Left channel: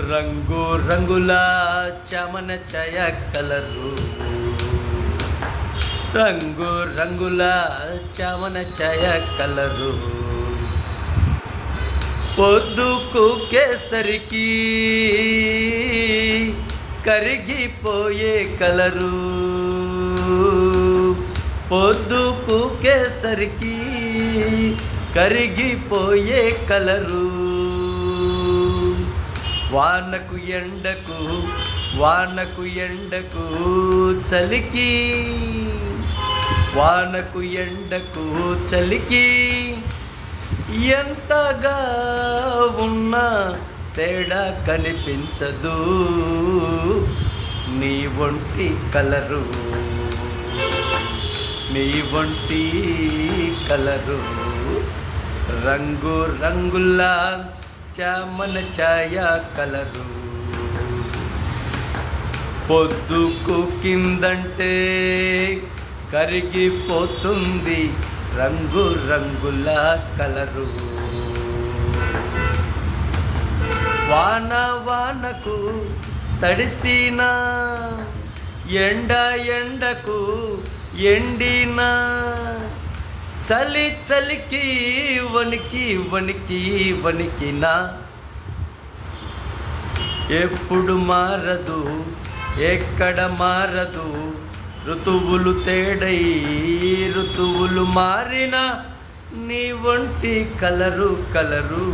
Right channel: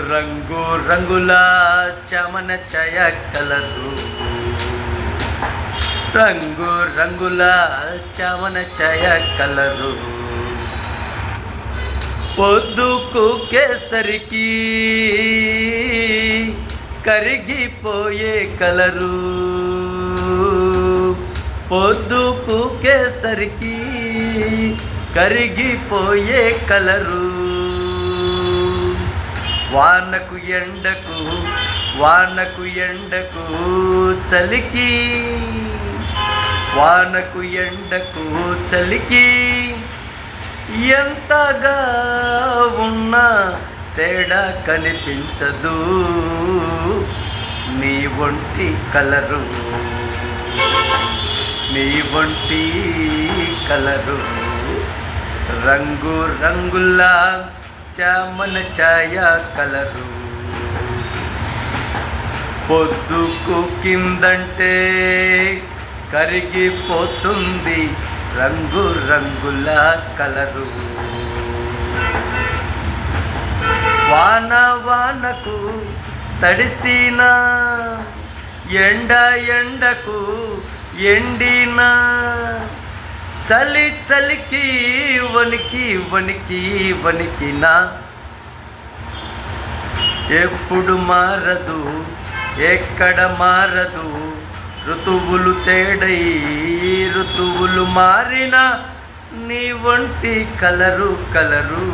రంగు రంగుల చమన చయ కలరు, రంగు రంగుల చమన చయ కలరు. పొద్దుకు కేసరికి కరిగిపోయే కలరు, పొద్దుకు కేసరికి కరిగిపోయే కలరు. వానకు ఎండకు వానకు ఎండకు చలికి, వానకు ఎండకు చలికి ఎంతగా ఉన్నా తేడా కనిపించదు నీ ఒంటి కలరు, నీ ఒంటి కలరు. రంగు రంగుల చమన ఛాయ కలరు. పొద్దుకు కిందంటే కరిగిపోతుంది రంగు రంగుల కలరు. వాన వానకు తడిసిన, ఎండ ఎండకు ఎండిన, చలి చలికి వణికి వణికి వణికిన, ఎప్పుడు మారదు ఎక్కడ మారదు ఋతువులు తేడై ఋతువులు మారిన నీ ఒంటి కలరు కలరు.